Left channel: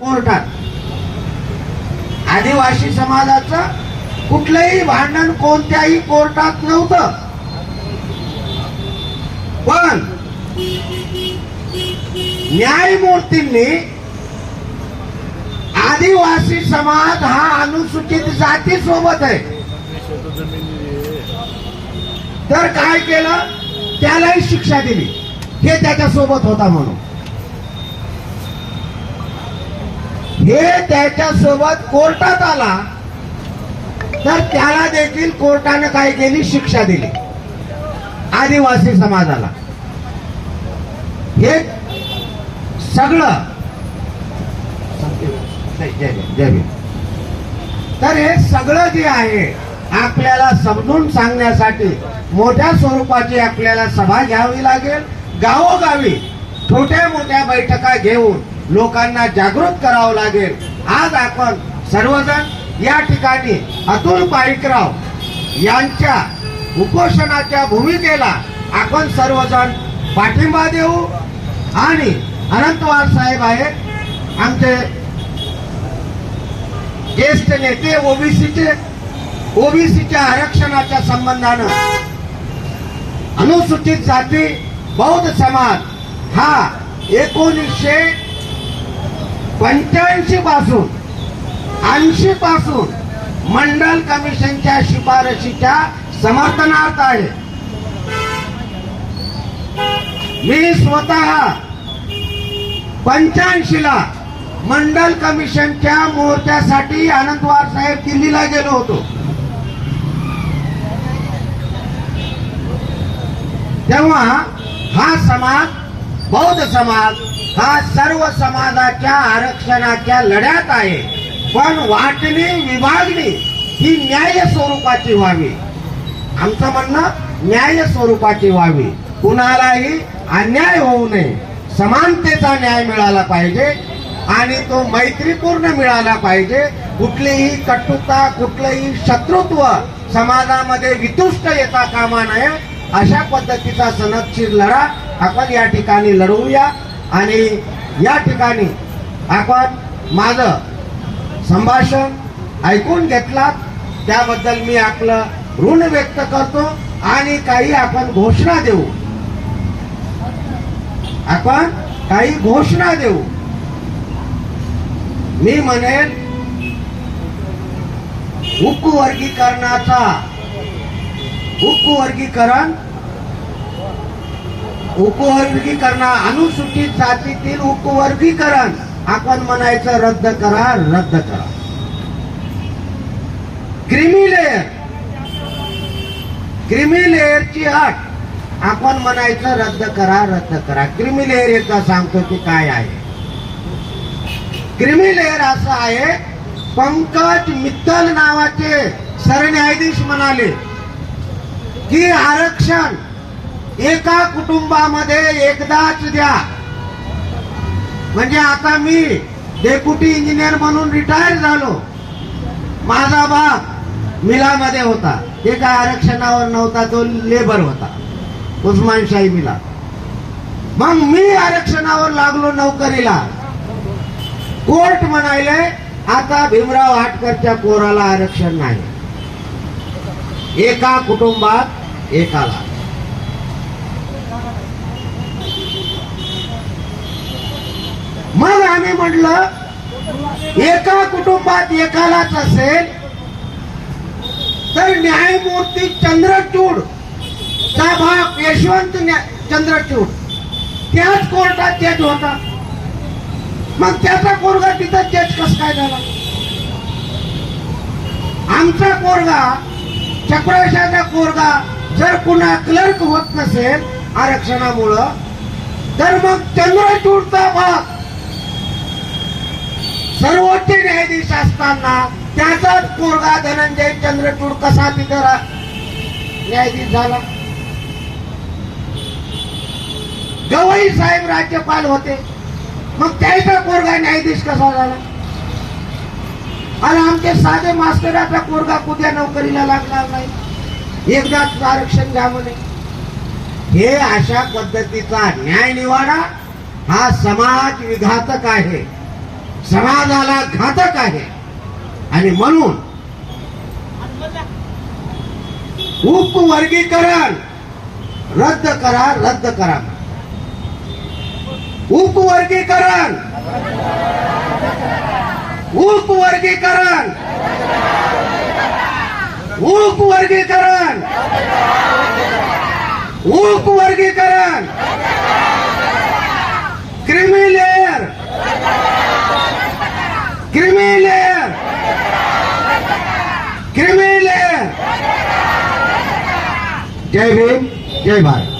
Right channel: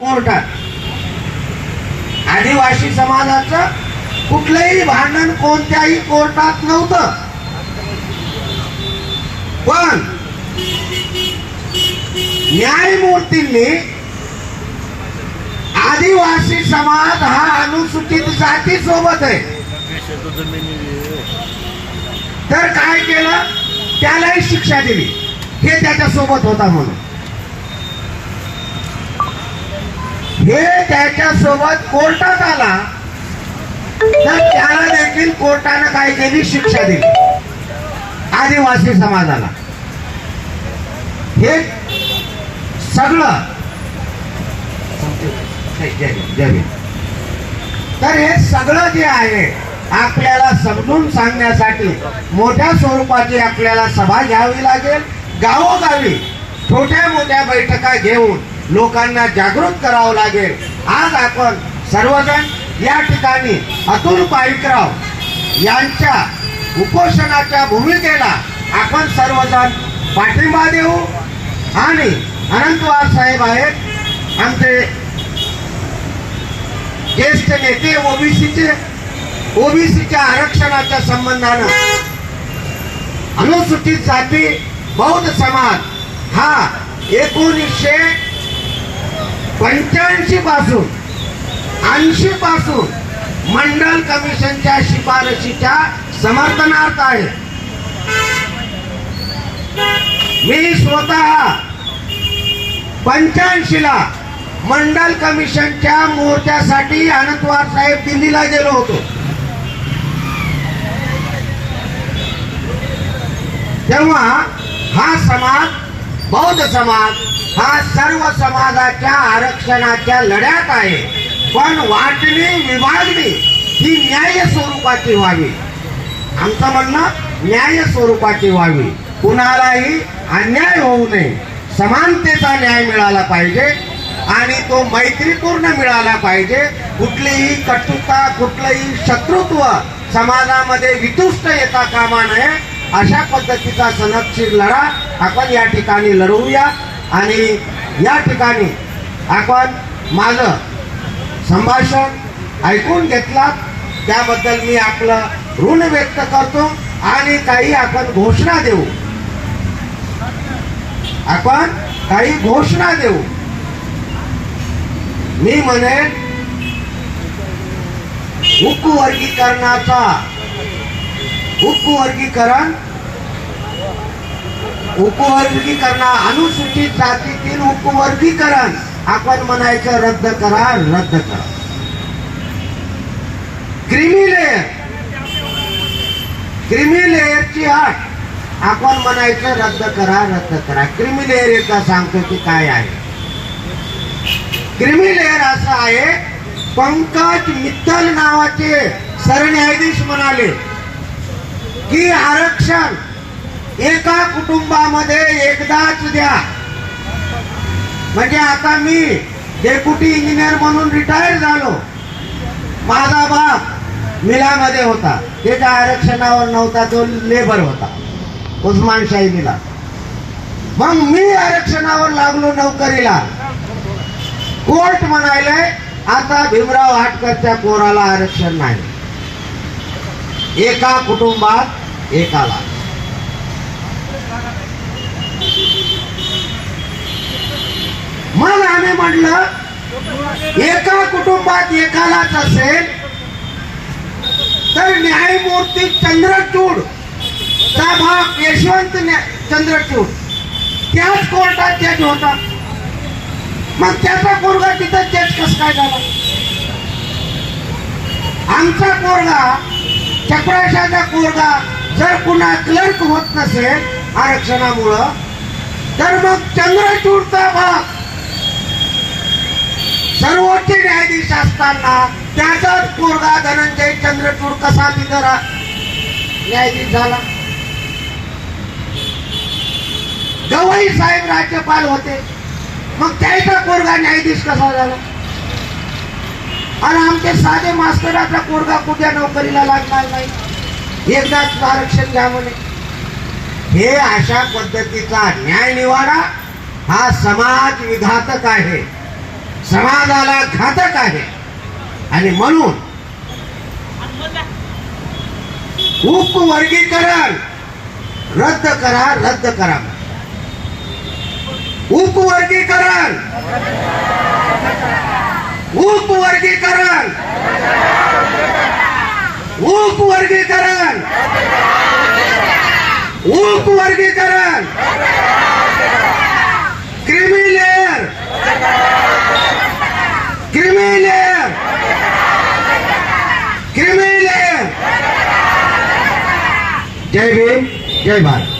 कोर्टात. आदिवासी समाजाचं कुठलंही भांडण कोणत्याही कोर्टात नव्हतं. पण न्यायमूर्तींनी आदिवासी समाज हा अनुसूचित जाती सोबत आहे. तर काय केलं? त्यालाही शिक्षा दिली. हे त्याच्या सोबत होता म्हणून. हे त्याच्यासोबत कोर्टात आला तर त्याला देखील कोर्टानं काय केली? शिक्षा दिली. आदिवासी समाजाला. हे सगळं जय तर हे सगळं जे आहे आपल्याला समजून सांगण्यासाठी मोठ्या स्वरूपाची आपल्याला सभा घ्यावी लागेल. गावोगावी छोट्या मोठ्या बैठका घेऊन लोकांना जागृत करावं लागेल. आज आपण सर्वजण या ठिकाणी अतुल पाईकराव यांच्या उपोषणाच्या भूमिकेला आपण सर्वजण पाठिंबा देऊ. आणि अनंतवार साहेब आहेत. आमचे ज्येष्ठ नेते ओबीसीचे ओबीसीच्या आरक्षणाच्या संबंधानं अनुसूचित जाती बौद्ध समाज हा एकोणीसशे पंच्याऐंशी पासून ऐंशी पासून मंडल कमिशनच्या शिफारशीच्या समर्थनार्थ आहे. मी स्वतः पंच्याऐंशीला मंडल कमिशनच्या मोर्चासाठी अनंतवार साहेब दिल्लीला गेलो होतो. तेव्हा हा समाज बौद्ध समाज हा सर्व समाजाच्या आरक्षणाच्या लढ्यात आहे. पण वाटणी विभागणी ही न्याय स्वरूपाची व्हावी. आमचं म्हणणं न्याय स्वरूपाची व्हावी. कुणालाही अन्याय होऊ नये. समानतेचा न्याय मिळाला पाहिजे आणि तो मैत्रीपूर्ण मिळाला पाहिजे. कुठलीही कटुता कुठलंही शत्रुत्व समाजामध्ये वितुष्ट येता कामा नये. अशा पद्धतीचा सनदशीर लढा आपण या ठिकाणी लढवूया आणि या ठिकाणी आपण माझं संभाषण ऐकून घेतलात. त्याबद्दल मी आपलं ऋण व्यक्त करतो आणि काही आपण घोषणा देऊ. आपण काही घोषणा देऊ. मी म्हणेन उप वर्गीकरणाचा उप वर्गीकरण. उपवर्गीकरणा अनुसूचित जातीतील उपवर्गीकरण आपण म्हणायचं रद्द करा रद्द करा. क्रिमी लेअर क्रिमी लेअरची अट आपण म्हणायचं रद्द करा रद्द करा. क्रिमी लेअर एकदा सांगतो की काय आहे. क्रिमी लेअर असं आहे पंकज मित्तल नावाचे सरन्यायाधीश म्हणाले. की आरक्षण एका कुटुंबामध्ये एकदाच द्या. म्हणजे आता मी डेप्युटी इंजिनियर म्हणून रिटायर झालो. माझा बाप मिलामध्ये होता. ते काय आरक्षणावर नव्हता तो लेबर होता. उस्मानशाही मिला मग मी आरक्षणावर लागलो नोकरीला. कोर्ट म्हणायले आता भीमराव हाटकरच्या कोराला आरक्षण नाही. एका कुटुंबात एकाला मग आम्ही म्हटलं एका कुटुंबात एकालाच असेल तर न्यायमूर्ती चंद्रचूड चा भाग यशवंत चंद्रचूड त्याच कोर्टात जज होता. मग त्याचा पोरगा तिथं जज कस काय झाला? आमचा पोरगा चपराशाचा पोरगा जर कुणा क्लर्क होत नसेल आरक्षणामुळं तर मग चंद्रचूडचा भाग. सर्वोच्च न्यायाधीश असताना त्याचाच पोरगा धनंजय चंद्रचूड कसा तिथं न्यायाधीश झाला. गवई साहेब राज्यपाल होते. मग त्याचा पोरगा न्यायाधीश कसा झाला? आणि आमचे साधे मास्तराचा पोरगा कुठ्या नोकरीला लागणार नाही? एकदाच आरक्षण घ्या म्हणे हे अशा पद्धतीचा न्याय निवाडा हा समाज विघातक आहे. समाजाला घातक आहे. आणि म्हणून उपवर्गीकरण रद्द करा रद्द करा. उपवर्गीकरण. उपवर्गीकरण. ઉપ વર્ગીકરણ. ઉપ વર્ગીકરણ. Creamy layer creamy layer creamy layer જય ભીમ જય ભારત.